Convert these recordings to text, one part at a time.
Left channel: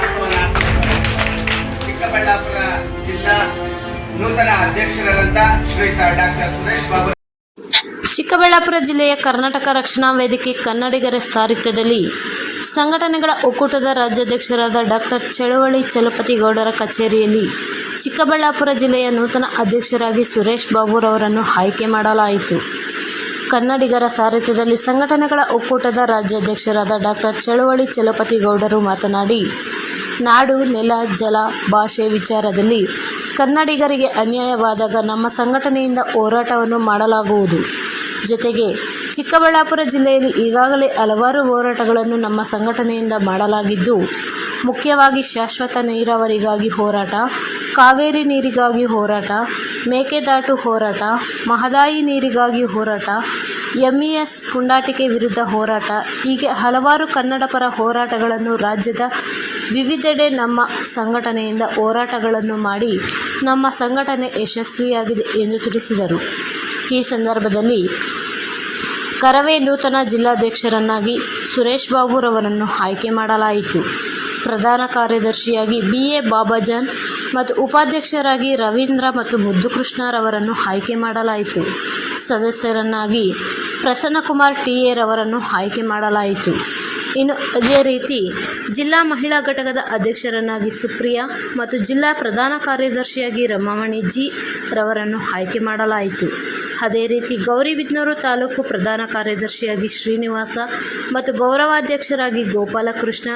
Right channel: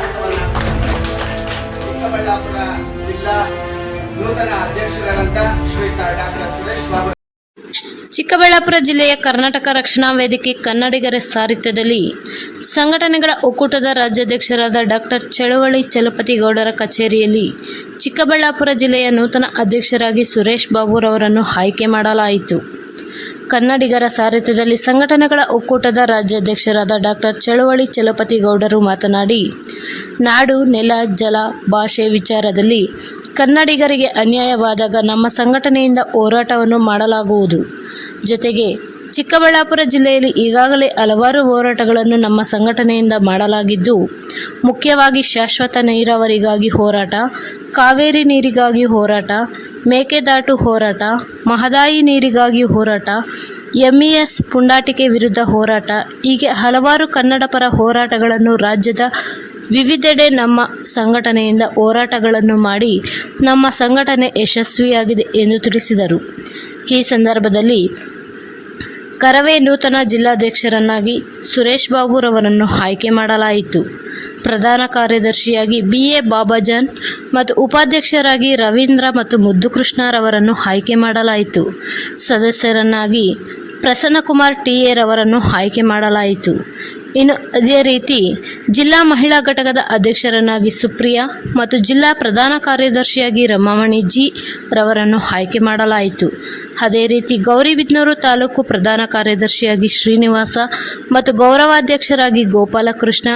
ಮಹತ್ವವನ್ನು ಚಿಕ್ಕಬಳ್ಳಾಪುರ ಜಿಲ್ಲಾ ನೂತನ ಅಧ್ಯಕ್ಷರಾದಂಥ ಶ್ರೀಯುತ ಡಾಕ್ಟರ್ ಸುರೇಶ್ ಬಾಬು. ಚಿಕ್ಕಬಳ್ಳಾಪುರ ಜಿಲ್ಲೆಯ ಕರ್ನಾಟಕ ರಕ್ಷಣಾ ವೇದಿಕೆ ಕನ್ನಡಿಗರ ಸಾರಥ್ಯದಲ್ಲಿ ಸಂಘಟನೆಗಳ ಒಕ್ಕೂಟದ ರಾಜ್ಯಾಧ್ಯಕ್ಷರಾದ ಡಾಕ್ಟರ್ ಚಳುವಳಿ ಚಲಪತಿ ಗೌಡರ ಕಚೇರಿಯಲ್ಲಿ ಚಿಕ್ಕಬಳ್ಳಾಪುರ ಜಿಲ್ಲೆಯ ನೂತನ ಅಧ್ಯಕ್ಷರಾಗಿ ಸುರೇಶ್ ಬಾಬುರವರನ್ನು ಆಯ್ಕೆ ಮಾಡಲಾಯಿತು. ಕನ್ನಡಿಗರ ಸಾರಥ್ಯದಲ್ಲಿ ಸಂಘಟನೆಗಳ ಒಕ್ಕೂಟದ ರಾಜ್ಯಾಧ್ಯಕ್ಷರಾದ ಡಾಕ್ಟರ್ ಚಳುವಳಿ ಚಲಪತಿ ಗೌಡರು ಮಾತನಾಡಿ, ನಾಡು, ನೆಲ, ಜಲ, ಭಾಷೆ ವಿಚಾರದಲ್ಲಿ ಕನ್ನಡಿಗರಿಗೆ ಅನ್ಯಾಯವಾದಾಗ ನಮ್ಮ ಸಂಘಟನೆಯಿಂದ ಹೋರಾಟವನ್ನು ಮಾಡಲಾಗುವುದು. ಜೊತೆಗೆ ಚಿಕ್ಕಬಳ್ಳಾಪುರ ಜಿಲ್ಲೆಯಲ್ಲಿ ಈಗಾಗಲೇ ಹಲವಾರು ಹೋರಾಟಗಳನ್ನು ನಮ್ಮ ಸಂಘಟನೆಯಿಂದ ಮಾಡಲಾಗಿದ್ದು, ಮುಖ್ಯವಾಗಿ ಶಾಶ್ವತ ನೀರಾವರಿಗಾಗಿ ಹೋರಾಟ, ಕಾವೇರಿ ನೀರಿಗಾಗಿ ಹೋರಾಟ, ಮೇಕೆದಾಟು ಹೋರಾಟ, ಮಹದಾಯಿ ನೀರಿಗಾಗಿ ಹೋರಾಟ, MES ಪುಂಡಾಟಿಕೆ ವಿರುದ್ಧ ಹೋರಾಟ, ಹೀಗೆ ಹಲವಾರು ಕನ್ನಡ ಪರ ಹೋರಾಟಗಳನ್ನು ರಾಜ್ಯದ ವಿವಿಧೆಡೆ ನಮ್ಮ ಸಂಘಟನೆಯಿಂದ ಹೋರಾಟಗಳನ್ನು ಮಾಡಿ ನಮ್ಮ ಸಂಘಟನೆ ಯಶಸ್ವಿಯಾಗಿದೆ ಎಂದು ತಿಳಿಸಿದರು. ಈ ಸಂದರ್ಭದಲ್ಲಿ ಕರವೇ ನೂತನ ಜಿಲ್ಲಾಧ್ಯಕ್ಷರನ್ನಾಗಿ ಸುರೇಶ್ ಬಾಬುರವರನ್ನು ಆಯ್ಕೆ ಮಾಡಲಾಯಿತು. ಪ್ರಧಾನ ಕಾರ್ಯದರ್ಶಿಯಾಗಿ BA ಬಾಬಾಜಾನ್ ಮತ್ತು ಉಪಾಧ್ಯಕ್ಷರಾಗಿ ರವೀಂದ್ರ ಮತ್ತು ಮುದ್ದುಕೃಷ್ಣರವರನ್ನು ಆಯ್ಕೆ ಮಾಡಲಾಯಿತು. ಸದಸ್ಯರನ್ನಾಗಿ ಪ್ರಸನ್ನಕುಮಾರ್ TA ರವರನ್ನು ಆಯ್ಕೆ ಮಾಡಲಾಯಿತು. ಇನ್ನು ಅದೇ ರೀತಿ ಜಿಲ್ಲಾ ಮಹಿಳಾ ಘಟಕದ ಅಧ್ಯಕ್ಷರನ್ನಾಗಿ ಸುಪ್ರಿಯಾ ಮತ್ತು ಜಿಲ್ಲಾ ಪ್ರಧಾನ ಕಾರ್ಯದರ್ಶಿಯಾಗಿ ರಮಾಮಣಿ G ರವರನ್ನು ಆಯ್ಕೆ ಮಾಡಲಾಯಿತು. ಅದೇ ರೀತಿ ಗೌರಿಬಿದನೂರು ತಾಲೂಕು ಪ್ರಧಾನ ಕಾರ್ಯದರ್ಶಿಯಾಗಿ ಶ್ರೀನಿವಾಸ ಮತ್ತು ಗೌರವಾಧ್ಯಕ್ಷರಾಗಿ ಗೋಪಾಲಕೃಷ್ಣ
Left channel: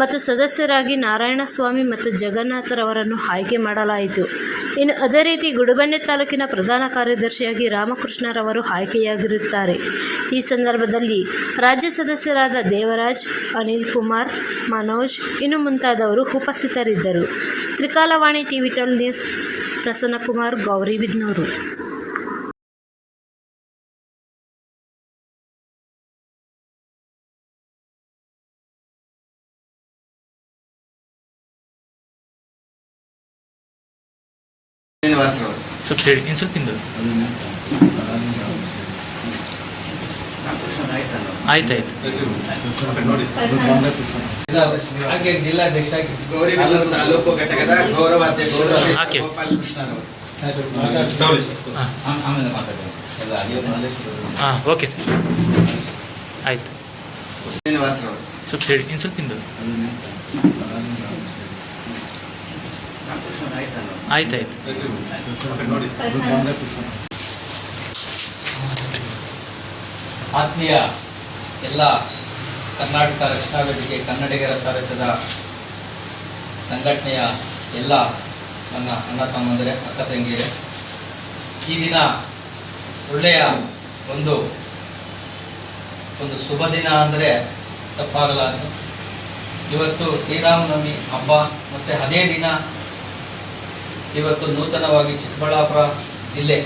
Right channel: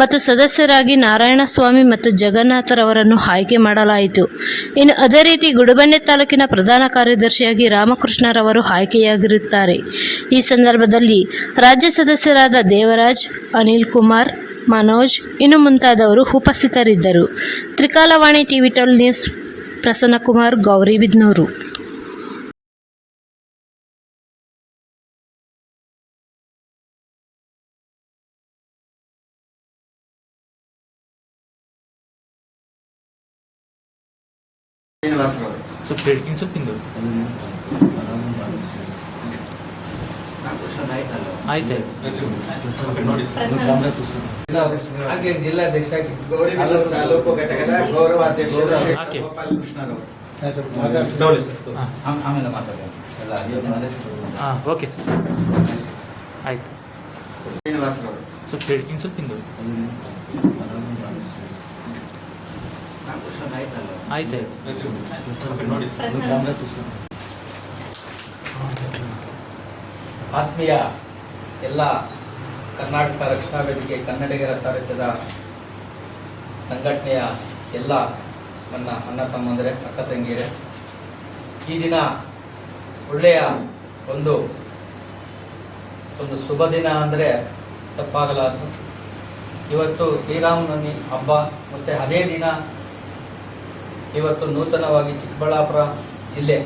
ಮತ್ತು ಸದಸ್ಯರಾಗಿ ನಾರಾಯಣಸ್ವಾಮಿ ಮತ್ತು ಜಗನ್ನಾಥರವರನ್ನು ಆಯ್ಕೆ ಮಾಡಲಾಯಿತು. ಇನ್ನು ಅದೇ ರೀತಿ ಗುಡಿಬಂಡೆ ತಾಲೂಕಿನ ಪ್ರಧಾನ ಕಾರ್ಯದರ್ಶಿಯಾಗಿ ರಾಮಕೃಷ್ಣರವರು ಆಯ್ಕೆಯಾಗಿರುತ್ತಾರೆ. ಈ ಸಂದರ್ಭದಲ್ಲಿ ರಾಜ್ಯ ಸದಸ್ಯರಾದ ದೇವರಾಜ್, ಅನಿಲ್ ಕುಮಾರ್, ಮನೋಜ್ ಇನ್ನು ಮುಂತಾದವರು ಉಪಸ್ಥಿತರಿದ್ದರು. ತ್ರಿಕಾಲವಾಣಿ TV 12 news, Prasannakumar, Gauribidanur. Subsidy ಇನ್ನು ಸ್ವಲ್ಪ ಹಿಂದೆ ಆಯ್ತಾಯ್ತು. ಹಾಗೆ ಜಿಲ್ಲಾಧ್ಯಕ್ಷ ಗೌರಿಬಿದನೂರು ತಾಲೂಕು ಘಟಕದ ಗೌರವಾಧ್ಯಕ್ಷರು ಹಾಕಿ. ಗೋಪಾಲಕೃಷ್ಣರು. ಹಾಂ, ಓಕೆ ಸರ್, ಆಯಿತು. ಸಬ್ಸಿಡಿ ಇನ್ನು ಸ್ವಲ್ಪ ಹಿಂದೆ ಆಯ್ತಾಯ್ತು. ಆತ್ಮೀಯ ಎಲ್ಲ ಕರ್ನಾಟಕ ರಕ್ಷಣಾ ವೇದಿಕೆ ಕನ್ನಡಿಗರ ಸಾರಥ್ಯದ ಸಂಘಟನೆಯ ಎಲ್ಲ ನನ್ನ ಅಣ್ಣ ತಮ್ಮಂದಿರೇ, ಅಕ್ಕ ತಂಗಿಯರೇ, ಈ ದಿನ ಒಳ್ಳೆಯ ಒಂದು ಶುಭ ದಿನ ಅಂದರೆ ತಪ್ಪಾಗಲಾರದು. ಇವತ್ತು ಶ್ರೀರಾಮನವಮಿ ಹಬ್ಬ ಮತ್ತು ಅದೇ ದಿನ ಇವತ್ತು ನೂತನವಾಗಿ ಚಿಕ್ಕಬಳ್ಳಾಪುರ ಜಿಲ್ಲೆ,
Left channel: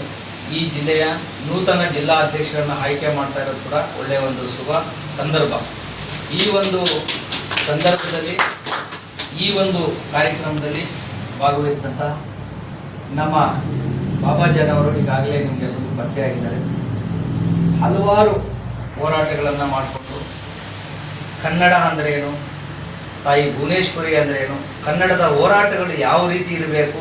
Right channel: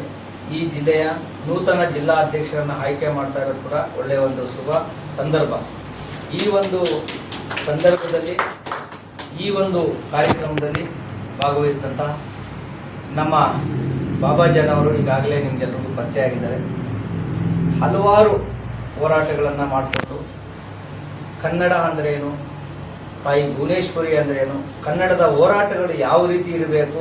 ಈ ಜಿಲ್ಲೆಯ ನೂತನ ಜಿಲ್ಲಾ ಅಧ್ಯಕ್ಷರನ್ನು ಆಯ್ಕೆ ಮಾಡ್ತಾ ಇರೋದು ಕೂಡ ಒಳ್ಳೆಯ ಒಂದು ಶುಭ ಸಂದರ್ಭ. ಈ ಒಂದು ಸಂದರ್ಭದಲ್ಲಿ ಈ ಒಂದು ಕಾರ್ಯಕ್ರಮದಲ್ಲಿ ಭಾಗವಹಿಸಿದಂತಹ ನಮ್ಮ ಬಾಬಾಜಾನ್ ಅವರು ಈಗಾಗಲೇ ನಿಮಗೆಲ್ಲರಿಗೂ ಪರಿಚಯ ಆಗಿದ್ದಾರೆ. ಹಲವಾರು ಹೋರಾಟಗಳನ್ನು ಮಾಡಿಕೊಂಡು ಕನ್ನಡ ಅಂದ್ರೇನು, ತಾಯಿ ಭುವನೇಶ್ವರಿ ಅಂದ್ರೇನು, ಕನ್ನಡದ ಹೋರಾಟಗಳು ಯಾವ ರೀತಿ ಇರಬೇಕು,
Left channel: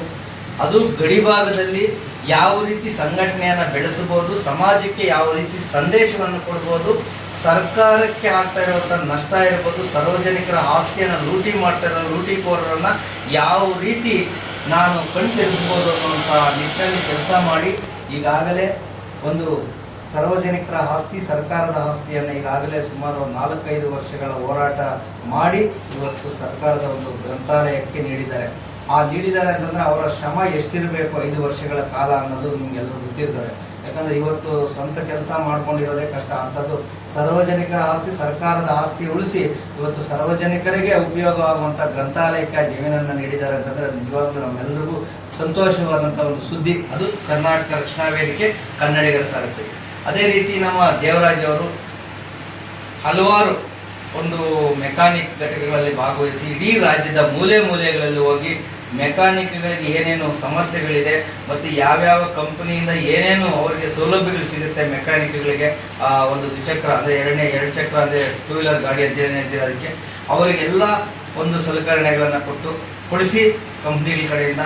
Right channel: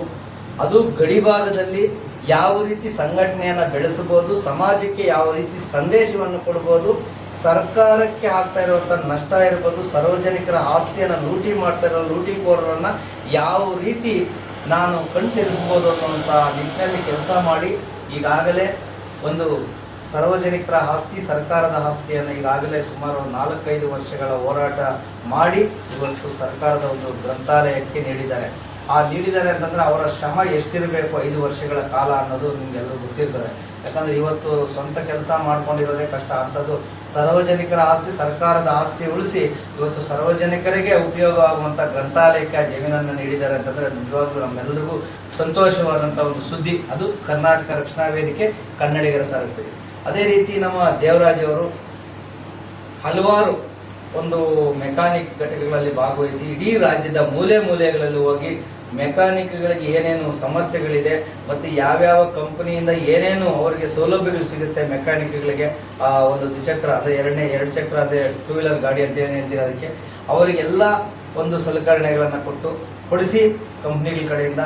ಅದು ಗಡಿಭಾಗದಲ್ಲಿ ಯಾವ ರೀತಿ ಸಂಘಟನೆಯನ್ನು ಬೆಳೆಸಬಹುದು, ಸಮಾಜಕ್ಕೆ ಯಾವ ರೀತಿ ಸಂದೇಶವನ್ನು ಕೊಡ್ಬೋದು, ಸರ್ಕಾರಕ್ಕೆ ಆಗ್ತಾ ಇರುವಂಥ ನಷ್ಟ ಇರ್ಬೋದು, ಸಾರ್ವಜನಿಕರ ಆಸ್ತಿಯನ್ನು ಲೂಟಿ ಮಾಡ್ತಾ ಇರೋ ಲೂಟಿಕೋರರನ್ನು ಯಾವ ರೀತಿ ನಾನು ಕಣ್ತೆರೆಸ್ಬೋದು ಅನ್ನುವಂಥ ನಿಟ್ಟಿನಲ್ಲಿ ಕೆಲಸ ಮಾಡಿ ಈಗಾಗಲೇ ಒಂದು ಸಾರ್ವಜನಿಕರ ಆಸ್ತಿ, ಸರ್ಕಾರದ ಆಸ್ತಿಯನ್ನು ಈಗಾಗಲೇ ಸುಮಾರು 4-5 ವರ್ಷಗಳ ಹೋರಾಟ ಮಾಡಿ ಇವತ್ತು ಸರ್ಕಾರದ ಒಂದು ಗ್ರಂಥಾಲಯಕ್ಕೆ ನೀಡಿದ್ದಾರೆ. ನೀಡಿದ್ದಾರೆ ಅಂತಂದರೆ ಅವರ ಶ್ರಮ ಎಷ್ಟಿರಬೇಕು 5 ವರ್ಷಗಳ ಕಾಲ ಅನ್ನೋದು ನಿಮಗೆಲ್ಲರೂ ಗೊತ್ತಿರ್ತಾರೆ. ಯಾಕಂದರೆ ಇವತ್ತು ಸ್ವಂತ ಕೆಲಸ ಮಾಡ್ಕೊಂಡಿರೋದೇ ಕಷ್ಟ. ಅಂಥದ್ದು ಸಾರ್ವಜನಿಕರ ಆಸ್ತಿ, ಸರ್ಕಾರದ ಆಸ್ತಿ ಉಳಿಸಿ ಇವತ್ತು ಸಾರ್ವಜನಿಕರಿಗೆ ಉಪಯೋಗವಾಗುವಂಥ ಗ್ರಂಥಾಲಯಕ್ಕೆ ಆ ಜಮೀನನ್ನು ನೀಡಿದ್ದಾರೆ ಅಂತಂದರೆ ನಿಜವಾಗ್ಲೂ ನಮ್ಮೆಲ್ಲರಿಗೂ ಸಂತೋಷವಾದಂಥ ಒಂದು ಸುದ್ದಿ. ಅದು ಕರ್ನಾಟಕ ರಕ್ಷಣಾ ವೇದಿಕೆ ಕನ್ನಡಿಗರ ಸಾರಥ್ಯ. ಅದೇ ರೀತಿ ನಮ್ಮ ದೇವರಾಜ್ ಅವರು ಹಲವಾರು ಒಂದು ಮೆಕ್ಯಾನಿಕ್ ಘಟಕಗಳಲ್ಲಿ ಭಾಗವಹಿಸಿ ಇಡೀ ರಾಜ್ಯದ ಮೂಲೆ ಮೂಲೆಗಳಲ್ಲಿ ಹೋಗಿ ಮೆಕ್ಯಾನಿಕ್ಗಳಿಗೆ ಏನೇನು ಸಮಸ್ಯೆಗಳಿದೆ ಮತ್ತು ಯಾವ್ಯಾವ ಕಂಪನಿಯಿಂದ ಏನೇನು ಅವರಿಗೆ ಸೌಲಭ್ಯಗಳು ಸಿಗುತ್ತೆ ಮೆಕ್ಯಾನಿಕ್ಗಳಿಗೆ, ಒಂದು ದ್ವಿಚಕ್ರ ಅಂದರೆ ಎರಡು ಚಕ್ರ ಅಂದರೆ 2 ವೀಲರ್ ಗಾಡಿ ಅಂತ ಏನು ಹೇಳ್ತೀವಿ ಅದಕ್ಕೆ, ಅವರಿಗೆಲ್ಲ ಒಂದು ಸಲಕರಣೆಗಳನ್ನು ಕೊಡಿಸಿ ಕಂಪ್ನಿಗಳ ಕಡೆಯಿಂದ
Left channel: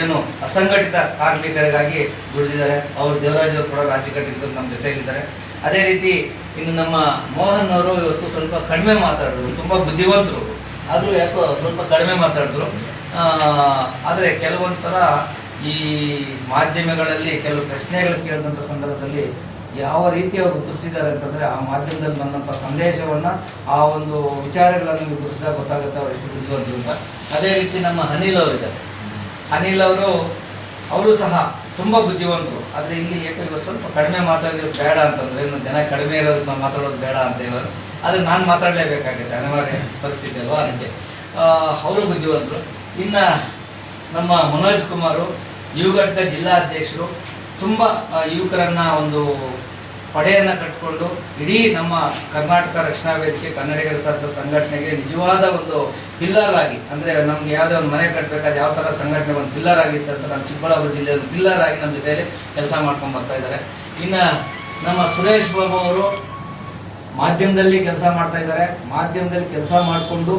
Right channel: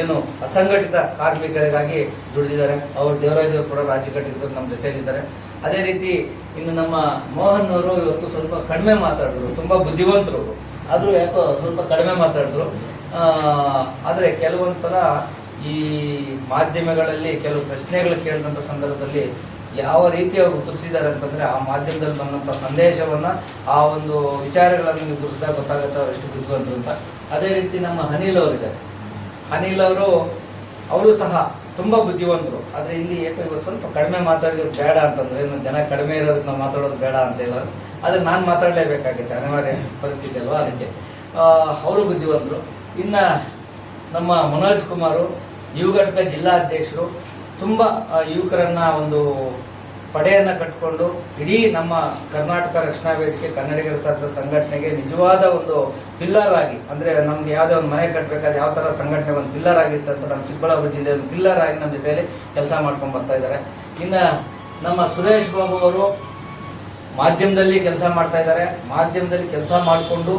ಏನು ಅಸಂಘಟಿತ ಕಾರ್ಮಿಕರಿಗಾಗಿ ದುಡಿದಿದ್ದಾರೆ. ಅವರು ದೇವರಾಜ್ ಅವರು ಕೂಡ ರಾಜ್ಯ ಘಟಕದಲ್ಲಿ ನಮ್ಮ ಜೊತೆಯಲ್ಲಿದ್ದಾರೆ. ಅದೇ ರೀತಿ ಇನ್ನು ನಮ್ಮ ಮೋಹನ್ ಅವರು ಇವತ್ತು ಸ್ವಲ್ಪ ಕಡಿಮೆ ಮಾತಾಡಿದ್ರು, ತುಂಬ ಬುದ್ಧಿವಂತರು, ಆದರೂ ಯಾಕೋ ಸ್ವಲ್ಪ ಕಡಿಮೆ ಮಾತಾಡಿದ್ರು. ಆದರೆ ಕೆಲವೊಂಥರ ಈ ಮಾಧ್ಯಮಗಳಲ್ಲಿ ಕೆಲವು ಪ್ರಶ್ನೆಗಳು ಕೇಳಿದಂಥ ಸಂದರ್ಭದಲ್ಲಿ ಯಾವ ರೀತಿ ಅವರು ಉತ್ತರಿಸಿದ್ದಾರೆ ಅಂತಂದರೆ, ಆ ಮಾಧ್ಯಮದಲ್ಲಿ ಬಂದಂಥ ಸಂದೇಶವನ್ನು, ಆ ಒಂದು ವಿಚಾರಗಳನ್ನು ನೀವು ಗುರುಸಿದಾಗ ಗೊತ್ತಾಗುತ್ತೆ ಅವರು ಎಷ್ಟು ಬುದ್ಧಿವಂತರು ಅಂತ. ಅದೇ ರೀತಿ ನಮ್ಮ ಅನಿಲ್ ಅವರಿದ್ದಾರೆ. ಅನಿಲ್ ಅವರು ಸಹ ತುಂಬ ಬುದ್ಧಿವಂತರು. ಆದರೆ ಇಲ್ಲಿ ಯಾಕೆ ಇವರು ಸ್ವಲ್ಪ ಕಡಿಮೆ ಮಾತಾಡೋದು ಬೇಡ ಅಂತಂದರೆ, ಜನ ಕಡಿಮೆ ಇರೋದಕ್ಕೆ ನಾವು ಮಾತಾಡೋದು ಬೇಡ ಅಂತ ಹೇಳೋದು, ಆದರೆ ನಾನು ಮಾತಾಡಲೇಬೇಕಾಗುತ್ತೆ, ಅನಿವಾರ್ಯ ಪರಿಸ್ಥಿತಿ ಅಲ್ವಾ, ಅದಕ್ಕೆ ಅವರು ಬುದ್ಧಿವಂತರು. ಇನ್ನು ನಮ್ಮ ಮನೋಜ್ ಕುಮಾರು ಯುವ ಘಟಕ ಜಿಲ್ಲಾಧ್ಯಕ್ಷರು, ತುಂಬ ಯುವಕರನ್ನು ಒಂದು ಪಡೆಯನ್ನು ಕಟ್ಟಿಕೊಂಡು ಇಡೀ ನಮ್ಮ ಕರ್ನಾಟಕ ರಕ್ಷಣಾ ವೇದಿಕೆ ಕನ್ನಡಿಗರ ಸಂಘಟನೆಗೆ ನಿಜವಾದ ಒಂದು ಪಿಲ್ಲರ್ ಆಗಿ, ಅಂದರೆ ನಮ್ಗೆ ಯಾವುದೋ ಒಂದು ಮನೆ ಕಟ್ಟಬೇಕಾದ್ರೆ ಯಾವ ಥರ ಸಂಘಟನೆ ಒಂದು ಪಿಲ್ಲರ್ ಆಗಿರುತ್ತೆ ಅಂತ ನಮ್ಮ ಚಿಕ್ಕಬಳ್ಳಾಪುರ ಜಿಲ್ಲೆಯಲ್ಲಿ ಪಿಲ್ಲರ್ ಆಗಿ ನಮ್ಮ ಜೊತೆಯಲ್ಲಿ ಕೆಲಸ ಮಾಡ್ಕೊಂಡು ಬರ್ತಾ ಇದ್ದಾರೆ. ಇನ್ನು ನಮ್ಮ ಸುರೇಶ್ ಬಾಬು ಅವರು ಮಾಧ್ಯಮದಲ್ಲಿ ಕೆಲಸ ಮಾಡ್ತಾ ಇದ್ದಾರೆ. ಮಾಧ್ಯಮದಲ್ಲಿ ಕೆಲಸ ಮಾಡಿಕೊಂಡು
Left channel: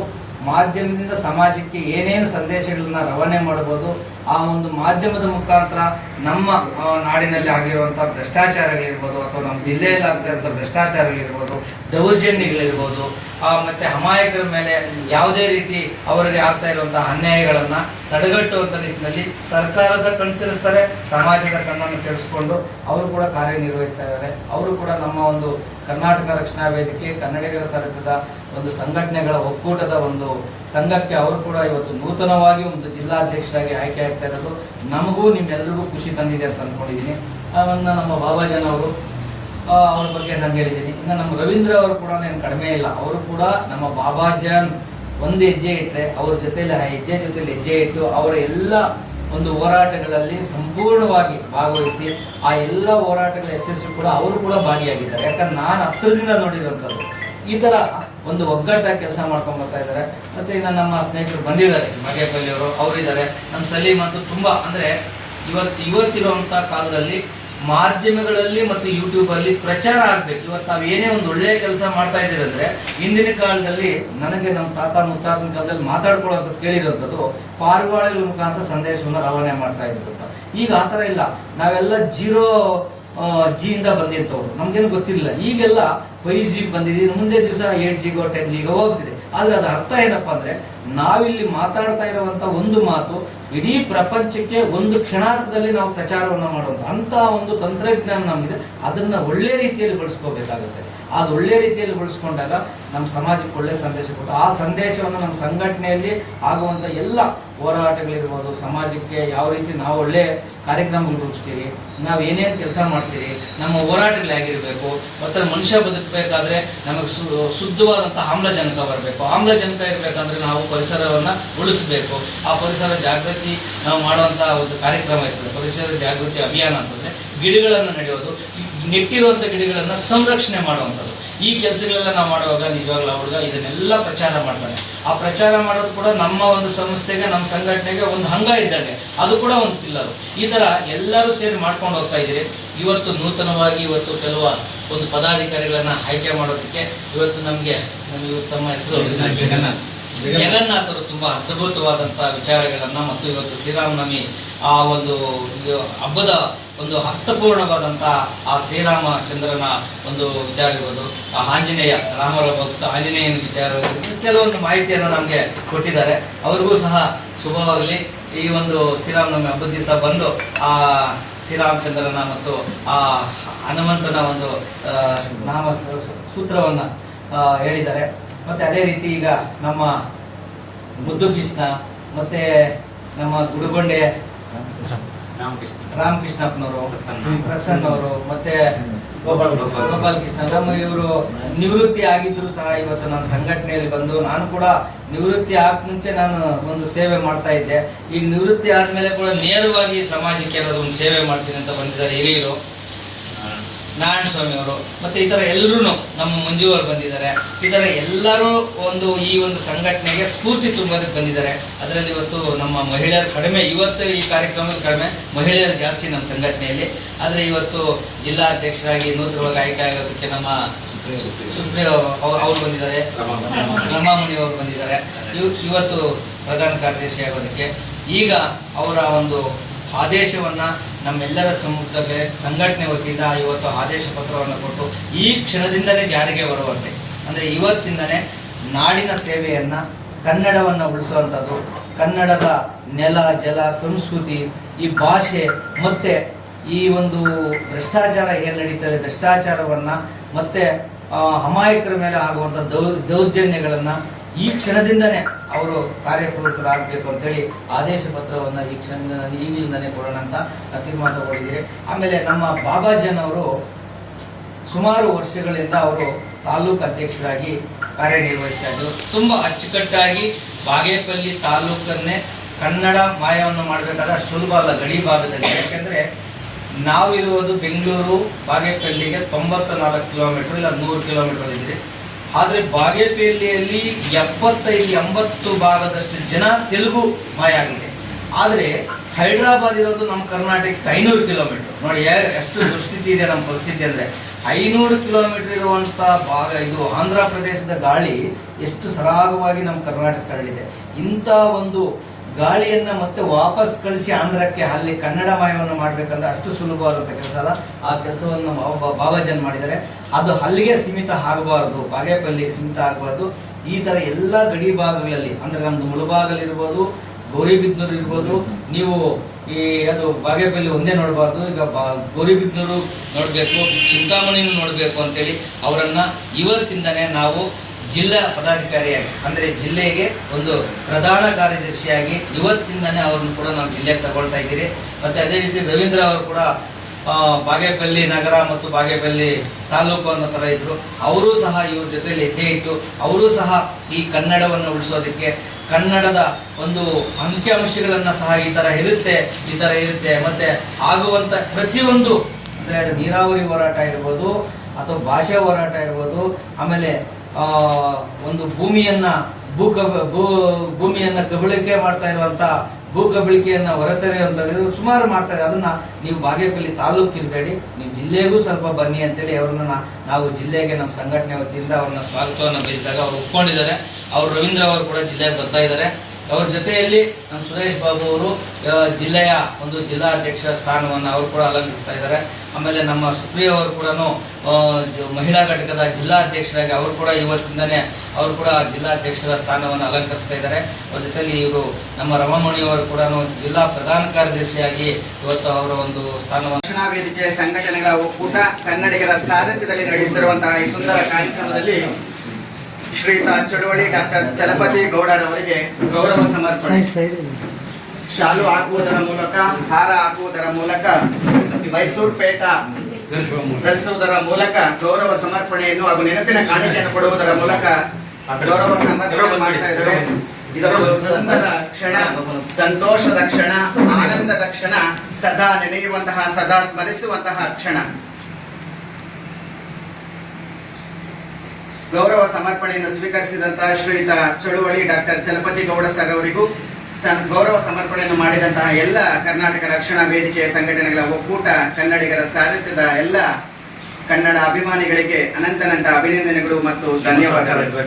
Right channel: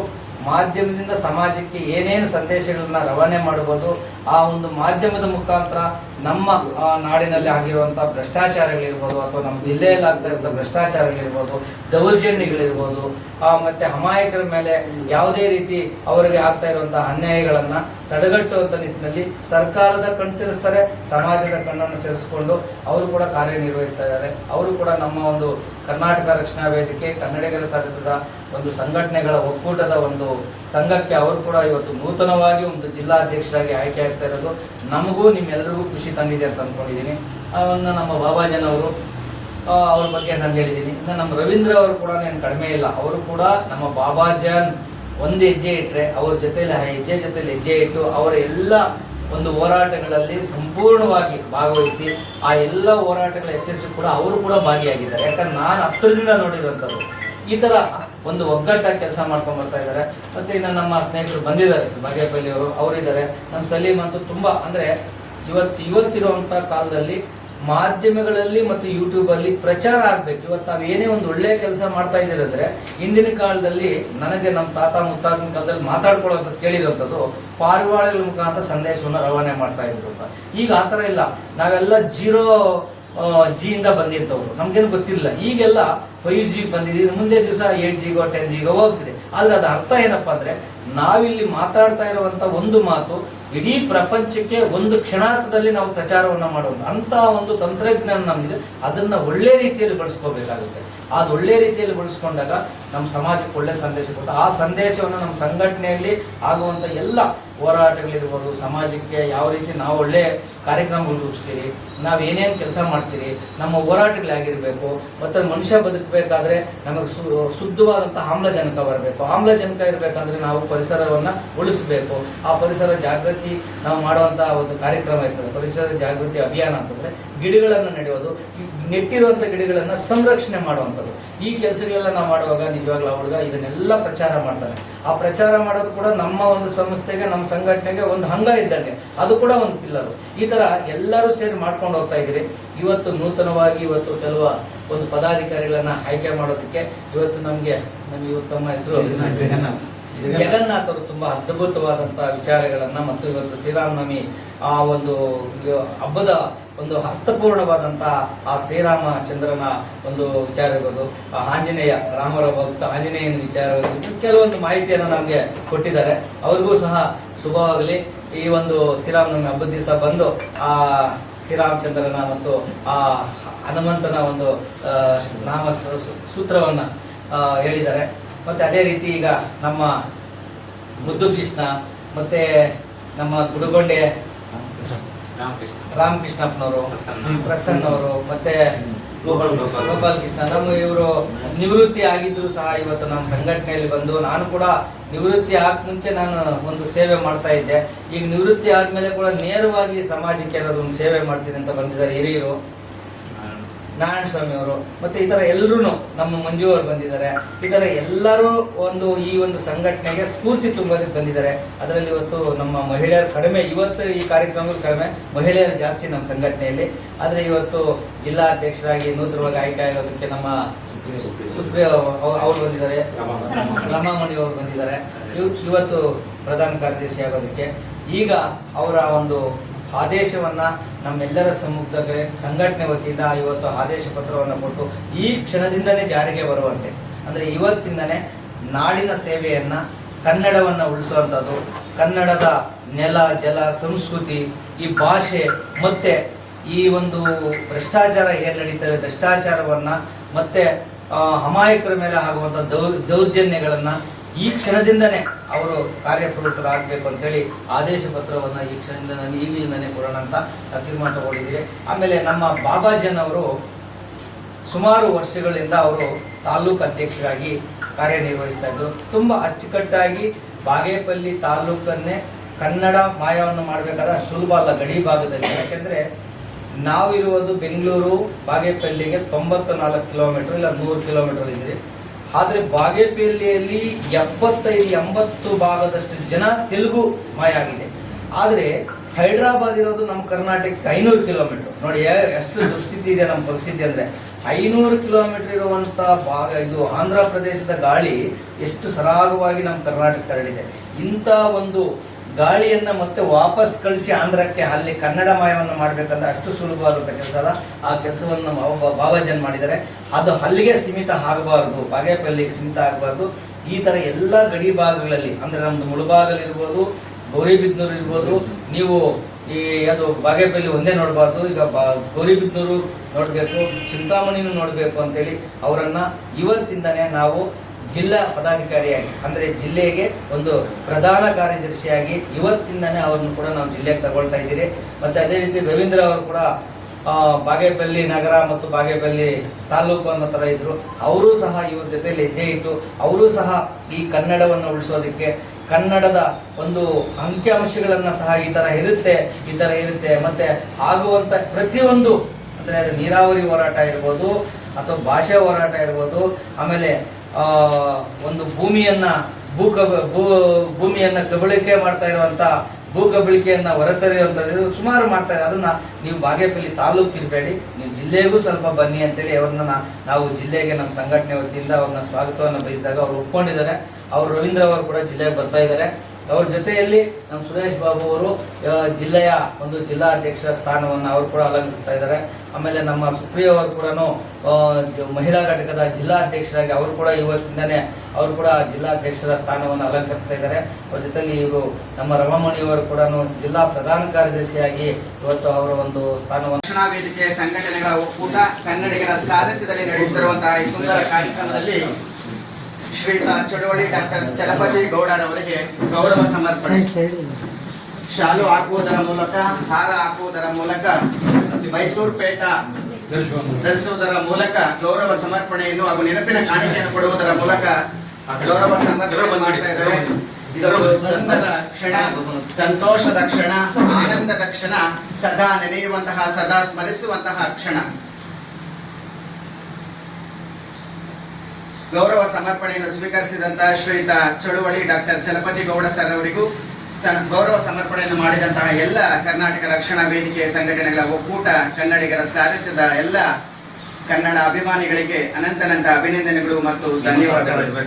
ಮಾಧ್ಯಮದಿಂದ ಸಮಾಜಕ್ಕೆ ಏನೇನು ಸಂದೇಶಗಳನ್ನ ರವಾನೆ ಮಾಡ್ಬೋದು, ಆ ಒಂದು ಮಾಧ್ಯಮದ ಮುಖಾಂತರ ನಮ್ಮ ನಾಡಿನಲ್ಲಿ ಆಗಿರುವಂಥ ಭ್ರಷ್ಟಾಚಾರಗಳಿರ್ಬೋದು, ಅಥವಾ ನಮ್ಮ ಜಿಲ್ಲೆಯಲ್ಲಿ ಆಗ್ತಾ ಇರುವಂಥ ಭ್ರಷ್ಟಾಚಾರಗಳಿರ್ಬೋದು, ದೌರ್ಜನ್ಯಗಳಿರ್ಬೋದು, ಮತ್ತು ಅಮಾಯಕರ ಮೇಲೆ ಯಾವುದೇ ರೀತಿ ಅವರಿಗೆ ಆಗ್ತಾ ಇರುವಂಥ ಅನ್ಯಾಯಗಳನ್ನು ತಡೆಗಟ್ಟುವಂಥ ನಿಟ್ಟಿನಲ್ಲಿ ಸರ್ಕಾರದ ಕಣ್ಣು ತಿರ್ಸ್ತಾರೆ, ಸಮಾಜದ ಕಣ್ಣನ್ನು ತಿರ್ಸ್ಕೊಂಡು ಅವರು ಕೂಡ ಕಾರ್ಯನಿರ್ವಹಿಸ್ತಾ ಇದ್ದಾರೆ. ಅವರು ಕೂಡ ನಮ್ಮ ಒಂದು ಕರ್ನಾಟಕ ರಕ್ಷಣಾ ವೇದಿಕೆ ಕನ್ನಡಿಗರ ಸಾರಥ್ಯದ ಒಂದು ಸಂಘಟನೆಗಳ ಒಕ್ಕೂಟದ ಒಂದು ಸಂಘಕ್ಕೆ ಅವರು ಕೂಡ ಇವತ್ತು ನೂತನವಾಗಿ ಒಂದು ಜಿಲ್ಲಾಧ್ಯಕ್ಷರಾಗಿ ಆಯ್ಕೆ ಆಗ್ತಾ ಇರೋದು ನಮಗೂ ನಿಮ್ಮೆಲ್ಲರಿಗೂ ಖುಷಿ ತಂದಿದೆ ಅಂತ ಅಂದ್ಕೊಂಡಿದ್ದೀನಿ. ಅದನ್ನು ನಮ್ಮ ಬಾಬಾಜನ್ ಅವರು ಅವ್ರ ಬಗ್ಗೆ ನಾನು ಹೇಳಿದ್ದೀನಿ. ಇನ್ನು ನಮ್ಮ ರವೀಂದ್ರ ಅವರು ಕೂಡ ಏನು ಕಡಿಮೆ ಇಲ್ಲ, ಅವರು ಕೂಡ ನಮ್ಮ ಬಾಬಾಜನ್ ಒಂದು ಹೆಜ್ಜೆ ಇಟ್ಟರೆ ಅವ್ರ ಜೊತೆಲಿ ಹೆಜ್ಜೆ ಇಟ್ಟು ಅವರ ಎಲ್ಲ ಒಂದು ಹೋರಾಟಗಳಲ್ಲಿ ಸಂಪೂರ್ಣವಾಗಿ ಭಾಗವಹಿಸಿ ಆ ಎಲ್ಲ ಹೋರಾಟಗಳ ಯಶಸ್ಸು ಕೂಡ ಅವರು ಕೂಡ ಭಾಗಿಯಾಗಿದ್ದಾರೆ. ಯಾಕಂದ್ರೆ ನಾನು ಹತ್ತಿರದಿಂದ ನೋಡಿರುವಂಥದ್ದು ಈ ಥರ ಒಂದು ಒಗ್ಗಟ್ಟಾಗಿ ಕೆಲಸ ಮಾಡ್ಕೊಂಡು ಬರ್ತಾ ಇದ್ದಾರೆ. ಮತ್ತು ಇನ್ನು ನಮ್ಮ ಸ್ನೇಹಿತರು ಬಂದಿದ್ದಾರೆ, ಮಗೇಪಲ್ಲಿ ಅವರಿದ್ದಾರೆ, ನಮ್ಮ ಸಲೀಮ್ ಅಂತೂ ತುಂಬ, ಅಂದರೆ ಇವತ್ತಿರುವಂಥ ಕಾಲದಲ್ಲಿ ಮಾಧ್ಯಮಗಳಲ್ಲಿ ಮತ್ತು ಯೂಟ್ಯೂಬಲ್ಲಿ ಪ್ರಚಾರ ಆಗಬೇಕು. ಇವತ್ತು ನಾವು ಏನೇ ಒಂದು ಒಳ್ಳೆಯ ಕೆಲಸ ಮಾಡ್ತಾ ಇದ್ದೀರಿ ಅಂದರೆ, ಹಿಂದಿನ ಕಾಲದಲ್ಲಿ ನನಗೆ ನಮ್ಮ ತಾತ ಮುತ್ತಾತನ ಕಾಲದಲ್ಲಿ ಮಾತಾಡ್ಕೊಳ್ಳೋಂಥದ್ದು ಕೇಳಿರುವಂಥದ್ದು ಪಾರಿವಾಳಗಳ ಮುಖಾಂತರ ಸಂದೇಶವನ್ನು ರವಾನೆ ಮಾಡ್ತಾ ಇದ್ರು ಅಂತ. ಈಗ ಆ ಥರ ಇಲ್ಲ, ನಾವೆಲ್ಲ ಜಿಯಿಂದ ಬಂದಿರ್ತವ್ರು, ನಮ್ಗೇನು ಗೊತ್ತಿರಲಿಲ್ಲ. ಈಗೆಲ್ಲ 5G ಬಂದಿದ್ದೀವಿ, ಮುಂದೆ ದಿವಸ 8G 10G ಹೋಗ್ತಿದೆ. ಆದರೆ ಅದು ಅರ್ಥ ಏನಪ್ಪ ಅಂದರೆ, ನಾವಿಲ್ಲಿ ಮಾತಾಡ್ತಾ ಇರುವಂಥ ಒಂದು ಮಾತು ಇಡೀ ಪ್ರಪಂಚಕ್ಕೆ ಒಂದು ಕ್ಷಣಾರ್ಥದಲ್ಲಿ ನಾವು ಪ್ರಚಾರವನ್ನು ಮಾಡೋದು ಅಂತ ಒಂದು ತಂತ್ರಜ್ಞಾನ ನಮಗಿದೆ. ಅದನ್ನು ಒಳ್ಳೆ ರೀತಿಯಲ್ಲಿ ಬಳಸ್ಕೋಬೇಕಾಗುತ್ತೆ. ಅದು ಒಳ್ಳೆ ರೀತಿಯಲ್ಲಿ ಬಳಸ್ಕೊಂಡಾಗ ನಮ್ಮ ಸಮಾಜಕ್ಕೆ ಒಳ್ಳೆ ಸಂದೇಶ ಕೊಟ್ಟು, ಆ ಸಂದೇಶವನ್ನು ನಮ್ಮ ಸಂಘಟನೆಯಲ್ಲಿ ಆಗುವಂಥ ಎಲ್ಲ ಹೋರಾಟಗಳಿರ್ಬೋದು, ಸಮಾಜಕ್ಕೆ ಯಾವ ರೀತಿ ನಾವು ಒಳ್ಳೆ ಕಾರ್ಯಕ್ರಮಗಳು ರೂಪಿಸ್ತೀರಿ, ನಾವು ಏನೇನು ಕೆಲಸ ಮಾಡ್ತೀರಿ, ನಮ್ಮ ಹೋರಾಟಗಳಾಗಿರಬೇಕು. ಮತ್ತು ಮನುಷ್ಯ ಬದುಕಬೇಕಾದ್ರೆ ನಮಗೆ ಶುದ್ಧವಾದಂಥ ಆಮ್ಲಜನಕ ಬರಬೇಕು. ಆಮ್ಲಜನಕ ಇರಬೇಕಂದ್ರೆ ನಾವು ಪರಿಸರವನ್ನು ಉಳಿಸಬೇಕು. ಆ ಪರಿಸರ ಜಾಗೃತಿ ನಾವು ಮಾಡುವಂಥ ಒಂದು ಕಾರ್ಯಕ್ರಮ ಇರ್ತದೆ, ಪರಿಸರ ಜಾಗೃತಿ ಅಭಿಯಾನ ಅಂತಂದರೆ ಗಿಡಗಳನ್ನು ನೆಡೆಯೋದು, ನೆಟ್ಟಿರುವಂಥ ಗಿಡಗಳನ್ನು ಸಂರಕ್ಷಣೆ ಮಾಡುವಂಥದ್ದು. ಈ ಕೆಲಸಗಳೆಲ್ಲ ನಾವು ಮಾಡುವಾಗ ನಿಜವಾಗ್ಲೂ ಆ ಹುಡುಗ ಇದನ್ನೆಲ್ಲ ಪ್ರಚಾರ ಮಾಡ್ತಾನೆ. ಆ ಪ್ರಚಾರ ಮಾಡೋದು ಕೂಡ ನಮ್ಮ ಒಂದು ಸಂಸ್ಥೆಗೆ, ನಮ್ಮ ಸಂಘಟನೆಗೆ ಒಂದು ಅಂಗ ಇದ್ದಂಗೆ, ಅದು ಕೂಡ ಒಂದು ಪಿಲ್ಲರು. ಈ ಥರ ಎಲ್ಲರೂ ಸೇರಿ ಮಾಡ್ಕೊಂಡು ಹೋಗ್ತಾ ಇದ್ದೀರಿ. ಇವತ್ತು ನೂತನವಾಗಿ ಕೆಲವು ಒಂದು ಪದಾಧಿಕಾರಿಗಳನ್ನು ಆಯ್ಕೆ ಮಾಡೋದಕ್ಕೆ ನಮಗೆ ತಮ್ಮ ಹೆಸರು ಜಗನ್ನಾಥ್ ಅವರು ತುಂಬ ಅದ್ಭುತವಾದಂಥ ವಿಚಾರಗಳನ್ನು ಮತ್ತು ಇವತ್ತು ಶ್ರೀರಾಮನವಮಿ ಆ ಒಂದು ಹಬ್ಬದ ಒಂದು ಅರ್ಥಪೂರ್ಣವಾದಂಥ ಆ ಶ್ರೀರಾಮಚಂದ್ರನ ಒಂದು ವಿಚಾರ ಇರ್ಬೋದು, ಆ ಆಂಜನೇಯ ರಾಮರ ಭಕ್ತ ಆಂಜನೇಯನ ವಿಚಾರ ಕೆಲವೊಂದು ಮಾಹಿತಿಯನ್ನು ನಮಗೆ ಕೊಟ್ಟಿದ್ದಾರೆ. ಅವ್ರಿಗೂ ಸಹ ಶುಭವಾಗಲಿ. ಈ ಒಂದು ಶ್ರೀರಾಮನವಮಿ ಹಬ್ಬದ ದಿವಸ ಬಂದು ಆ ಶ್ರೀರಾಮಚಂದ್ರನ ಮತ್ತು ಆ ಹನುಮಂತನ ಒಂದು ನಾಮ ಸೂತ್ರವನ್ನು ಹೇಳಿದ್ದಾರೆ. ಮತ್ತು ಅದೇ ರೀತಿ ಈಗ ನಮ್ಮ ಮುದ್ದು ಕೃಷ್ಣ ಮತ್ತು ನಮ್ಮ ಗುಡುಗೊಂಡೆ ರಾಮಕೃಷ್ಣಪ್ಪನವರು, ಪ್ರಸನ್ನವರು, ಮತ್ತೆ ಗೋಪಾಲ್ ಕೃಷ್ಣ, ನಮ್ಮ ಇವರು ನಿವೃತ್ತಿ ಆಗಿದ್ರು ಸಹ ಇವತ್ತು ನಮ್ಮ ಸಂಘಟನೆಯಲ್ಲಿ ಬಂದು, ನಾನು ಕೂಡ ನಿವೃತ್ತಿ ಆಗ ಮುಂಚೆ ನಾನು ಒಂದು ಸೇವೆ ಮಾಡ್ತಾ ಇದ್ದೆ. ಈಗ ನಿವೃತ್ತಿ ಆದಮೇಲೆ ಕೂಡ ನೇರವಾಗಿ ಸಮಾಜಕ್ಕೆ ಏನಾದರೂ ಒಂದು ಸೇವೆ ಮಾಡ್ತೀನಿ ಅಂತ ಬಂದಿದ್ದಾರೆ ಹಿರಿಯರು. ನಾರಾಯಣ ಸ್ವಾಮಿ ಅವರು ಮತ್ತು ಈ ಥರ ಎಲ್ಲರೂ ನಮ್ಮ ಮಂಜು ಅವರು ಬಂದಿದ್ದಾರೆ. ಈ ಥರ ಎಲ್ಲರೂ ಈ ಒಂದು ಸಂಘಟನೆಗೆ ಸ್ಫೂರ್ತಿ ತುಂಬೋದಕ್ಕೆ ಬಂದಿದ್ದಾರೆ. ಅದರಲ್ಲಿ ಇವತ್ತು ನಮ್ಮ ಮಹಿಳೆಯರು ಕಡಿಮೆ, ಇವತ್ತು ಈ ಕಾರ್ಯಕ್ರಮದಲ್ಲಿ ಕಡಿಮೆ, ಮಹಿಳೆಯರು ಜಾಸ್ತಿ ನಮ್ಮ ಸಂಘಟನೆಯಲ್ಲಿ. ಆದರೆ ಇವತ್ತು ಜಿಲ್ಲಾಧ್ಯಕ್ಷರಾಗಿ ನೂತನವಾಗಿ ಆಯ್ಕೆ ಆಗೋದಕ್ಕೆ ನಮ್ಮ ಸುಪ್ರಿಯ ಅವರು ಬಂದಿದ್ದಾರೆ, ರಮಾಮಣಿ ಅವರು ಬಂದಿದ್ದಾರೆ. ಇವತ್ತು ಪ್ರಧಾನ ಕಾರ್ಯದರ್ಶಿ ಆಗೋದಕ್ಕೆ ಈಗ ಅವರ ಒಂದು ಆದೇಶವನ್ನು ನಮ್ಮೆಲ್ಲರ ಸಂಘಟನೆ ವತಿಯಿಂದ ಇವತ್ತು ಆದೇಶ ಪತ್ರವನ್ನು ಕೊಟ್ಟು ಈ ಕ್ಷಣದಿಂದಲೇ ಜಾರಿಗೆ ಬರುವಂತೆ, ಅಂದರೆ ಇವತ್ತಿಂದಲೇ ನಾಡಿನ ಸೇವೆಯನ್ನು, ಕನ್ನಡವನ್ನು ಉಳಿಸುವಂಥದ್ದು, ಕನ್ನಡದ ನೆಲ ಜಲ ಸಂಸ್ಕೃತಿ, ಈ ಭಾಷೆ ಮತ್ತು ಈ ಒಂದು ಭ್ರಷ್ಟಾಚಾರ ಏನು ನಡೀತದೆ, ಭ್ರಷ್ಟಾಚಾರವನ್ನು ಮತ್ತು ಅಮಾಯಕರ ಮೇಲೆ ಆಗುವಂಥ ದೌರ್ಜನ್ಯಗಳನ್ನು ಈ ಕ್ಷಣದಿಂದನೇ ಅವರು ಕಾರ್ಯಪ್ರವೃತ್ತರಾಗಬೇಕು ಅಂತೇಳಿ ಆದೇಶ ಪತ್ರವನ್ನು ಈ ಈಗಿಂದನೇ ಕೊಡೋಣ ಅಂತ ತೀರ್ಮಾನ ತಗೊಂಡಿದ್ದೀವಿ. ಆಮೇಲೆ ನಮ್ಮ ಬಾಬಾಜನ್ ಸುಮಾರು ವರ್ಷಗಳಿಂದ ಅವರು ತಾಲೂಕು ಅಧ್ಯಕ್ಷರಾಗಿ ಕಾರ್ಯನಿರ್ವಹಿಸ್ತಾ ಇದ್ರು. ತುಂಬ ಅಚ್ಚುಕಟ್ಟಾಗಿ ಬಾಗೇಪಲ್ಲಿ ತಾಲೂಕನ್ನೇ ಕನ್ನಡ ಮಾಯವನ್ನು ಮಾಡಬೇಕಾದ್ರೆ ಸುಲಭ ಅಲ್ಲ ಗಡಿ ಭಾಗದಲ್ಲಿ. ಯಾಕೆಂದರೆ ನಾವಿರುವುದು ಬೆಂಗಳೂರು ಬಾಗೇಪಲ್ಲಿಗೆ 94 ಕಿಲೋಮೀಟರ್ ಇಲ್ಲ 100 ಕಿಲೋಮೀಟರ್ ಇದ್ದೀರಿ. ಆದರೆ ಬಾಗೇಪಲ್ಲಿಯಲ್ಲಿ 75-80 ಭಾಗದಷ್ಟು ಜನ ತೆಲುಗು ಮಾಯ ಆಗಿದೆ. ಆದರೆ ಹೈದ್ರಾಬಾದ್ ಇರೋದು ನಮ್ಮ ಕರ್ನಾಟಕಕ್ಕೆ 500 ಕಿಲೋಮೀಟರ್. ನೋಡಿ ಎಷ್ಟು ದುಸ್ಥಿತಿ ಇದೆ ನಮ್ಮ ಪರಿಸ್ಥಿತಿ. ಅಂದರೆ 500 ಕಿಲೋಮೀಟರ್ ಇರುವಂಥ ಭಾಗ ಇದು ಆಂಧ್ರ ಪ್ರದೇಶದ ಗಾಳಿ ಎಷ್ಟು ಸರಾಗವಾಗಿ ನಮ್ಮ ಕರ್ನಾಟಕ ಹರಡಿದೆ. ಇಂಥ ಒಂದು ಗಾಳಿಯನ್ನು ಮತ್ತೆ ವಾಪಸ್ ಕಳಿಸಿ ಆಂಧ್ರಕ್ಕೆ ಅಲ್ಲಿ ಕನ್ನಡ ಮಾಯವನ್ನು ಮಾಡಬೇಕಂದ್ರೆ ಅಷ್ಟು ಸುಲಭವಾದಂಥ ಕೆಲಸ ಅದ. ಆ ಕೆಲಸವನ್ನು ಬಾಬಾಜನ್ ಮಾಡಿದ್ದಾರೆ. ಅದು ಅಲ್ಲಿಗೆ ಸೀಮಿತ ಆಗಬಾರ್ದು, ಬಾಗೇಪಲ್ಲಿಗೆ ಸೀಮಿತ ಆಗಬಾರ್ದು. ಈ ಥರ ಎಲ್ಲ ಗಡಿ ಭಾಗಗಳಲ್ಲಿ, ಅಂದರೆ ನಮ್ಮದು ಮುಳಬಾಗಲಿರ್ಬೋದು, ಗೌರಿಬಿದನೂರು ಇರ್ಬೋದು, ನೀವು ಈ ಅದು ಬಾಗೇಪಲ್ಲಿ ಒಂದೇ ನೋಡಬಾರ್ದು. ಈಗ ಗೌರಿಬಿದನೂರು ನೋಡಬೇಕು, ಚಿಂತಾಮಣಿನೂ ನೋಡಬೇಕು ಅಂತೇಳಿ ಅವರನ್ನು ಇವತ್ತಿಂದನೇ ನಾವು ಜಿಲ್ಲಾ ಪದಾಧಿಕಾರಿಯಾಗಿ, ಅಂದರೆ ಜಿಲ್ಲೆಗೆ ಒಂದು ಪ್ರಧಾನ ಕಾರ್ಯದರ್ಶಿಯಾಗಿ ಇವತ್ತಿಂದನೇ ಅವರನ್ನು ಕೂಡ ನಾವು ಜಿಲ್ಲೆಗೆ ತಗೊಳ್ತಾ ಇದ್ದೀರಿ. ಮತ್ತು ಅದೇ ರೀತಿ ರವೀಂದ್ರ ಅವರು ಕೂಡ ಬಾಗೇಪಲ್ಲಿ ನಗರ ಮತ್ತು ಬಾಗೇಪಲ್ಲಿ ತಾಲೂಕು ಅನ್ನೋ ಥರ ಇದ್ದರು. ಅವರೂ ಸಹ ಇವ್ರ ಜೊತೆಯಲ್ಲಿ ಹೆಜ್ಜೆ ಇಟ್ಟು ಅವರೂ ಸಹ ಈ ಕನ್ನಡವನ್ನು ಉಳಿಸೋದಕ್ಕೆ, ಕನ್ನಡದ ಒಂದು ಅಂಕಿಅಂಶಗಳನ್ನು ಸಹ ಈ ಥರ ಇರುತ್ತೆ ಮತ್ತು ಆಗುವಂಥ ಪ್ರತಿಯೊಂದು, ಅಂದರೆ ಅದು ನೀರಾವರಿ ಹೋರಾಟ ಇರ್ಬೋದು ಅಥವಾ ಭಾಷಾ ಹೋರಾಟ ಇರ್ಬೋದು, ಆಮೇಲೆ ಒಂದು ಭೂಮಿಯನ್ನು ಕಬಳಿಕೆ ಮಾಡ್ತಾ ಇರುವಂಥ ಭೂ ಕಬಳಿಕೆಯನ್ನು ಹೊರತೆರೆಯುವಂಥದ್ದು ಸುಮಾರು ಮಾಡ್ತಾ ಇದೆ. ಅದನ್ನು ನೀವು ಬಾಗೇಪಲ್ಲಿ ತಾಲೂಕು ಇರಬೇಡಿ, ನೀವು ಜಿಲ್ಲೆಗೂ ಸ್ವಲ್ಪ ಬನ್ನಿ ಅಂತೇಳಿ ಅವ್ರನ್ನ ನಾವು ಜಿಲ್ಲೆಗೆ ನಮ್ಮ ಸಂಘಟನೆ ವತಿಯಿಂದ ಅವ್ರನ್ನ ಸ್ವಾಗತವನ್ನು ಬಯಸಿದಾಗ ಅವರು ಒಪ್ಕೊಂಡಿದ್ದಾರೆ. ಅವರು ರವೀಂದ್ರ ಅವರು ಕೂಡ ಜಿಲ್ಲೆಗೆ ಬರ್ತಾ ಇದ್ದಾರೆ. ಅವ್ರ ಜೊತೆಯಲ್ಲಿ ನಮ್ಮ ಸುರೇಶ್ ಬಾಬು ಅವರು ಜಿಲ್ಲೆಯ ಒಂದು ಜಿಲ್ಲಾಧ್ಯಕ್ಷರ ಸ್ಥಾನವನ್ನು ಅವರು ಕೂಡ ಅಲಂಕರಿಸ್ತಾ ಇದ್ದಾರೆ. ಆಮೇಲೆ ನಮ್ಮ ಸುಪ್ರಿಯ ಅವರು ಕೂಡ ಮಹಿಳಾ ಘಟಕದ ಜಿಲ್ಲಾಧ್ಯಕ್ಷರಾಗಿ ಅವರು ಕೂಡ ಇವತ್ತಿಂದನೇ ಅವರು ಕೂಡ ಜಿಲ್ಲಾಧ್ಯಕ್ಷರ ಸ್ಥಾನವನ್ನು ಅಲಂಕರಿಸ್ತಾ ಇದ್ದಾರೆ. ಅವ್ರ ಜೊತೆಲಿ ಇವರು ನಮ್ಮ ರಮಾಮಣಿಯವರು ಕೂಡ ಜಿಲ್ಲಾ ಪ್ರಧಾನ ಕಾರ್ಯದರ್ಶಿಯಾಗಿ ಇವತ್ತು ಅವರ ಒಂದು ಸ್ಥಾನವನ್ನು. ರಕ್ಷಣಾ ವೇದಿಕೆ ಸಂಘಟನೆಗಳ ಒಕ್ಕೂಟ ಕನ್ನಡಿಗರ ಸಾರಥ್ಯದಲ್ಲಿ ನಡೆಯುತ್ತಿರುವಂತಹ ಈ ಸುಂದರ ಕಾರ್ಯಕ್ರಮದಲ್ಲಿ ಶ್ರೀಯುತ ಚಳುವಳಿ ಡಾಕ್ಟರ್ ಚಲಪತಿ ಗೌಡರವರಿಗೆ ಗೌರವ ಸಮರ್ಪಣೆ, ಶಾಲು ಹಾಕುವುದರ ಮೂಲಕ, ಹಾರ ಹಾಕುವುದರ ಮೂಲಕ, ಮೈಸೂರು ಪೇಟ ಧರಿಸುವುದರ ಮೂಲಕ ಗೌರವ ಸಮರ್ಪಣೆಯನ್ನು ಹಾಗೂ ನೆನಪಿನ ಕಾಣಿಕೆಯನ್ನು ಕೊಡುವುದರ ಮೂಲಕ ಗೌರವ ಸಮರ್ಪಣೆ ಮಾಡ್ತಾ ಇದ್ದಾರೆ. ಇದರ ಸುಂದರ ಕ್ಷಣ, ಸಂತೋಷದ ಕ್ಷಣ, ಆನಂದದ ಕ್ಷಣ, ಸದಾ ನೆನೆಯುವಂತಹ, ಸದಾ ಸ್ಮರಿಸುವಂತಹ ಕ್ಷಣ. ಗೌರವ ಸಮರ್ಪಣೆಯನ್ನು ಸ್ವೀಕರಿಸಿದಂತಹ ಶ್ರೀಯುತ ಚಳುವಳಿ ಡಾಕ್ಟರ್ ಚಲಪತಿ ಗೌಡ ಸರ್ ಅವರಿಗೂ ಗೌರವ ಸಮರ್ಪಣೆಯನ್ನು ಮಾಡಿದಂತಹ ಎಲ್ಲ ಕರ್ನಾಟಕ ರಕ್ಷಣಾ ವೇದಿಕೆ ಸಂಘಟನೆಗಳ ಒಕ್ಕೂಟ ಕನ್ನಡಿಗರ ಸಾರಥ್ಯದ ಎಲ್ಲ ಕನ್ನಡ ಅಭಿಮಾನಿಗಳಿಗೆ ಅನಂತ ಅಭಿನಂದನೆಗಳು ಮತ್ತು ಧನ್ಯವಾದಗಳು.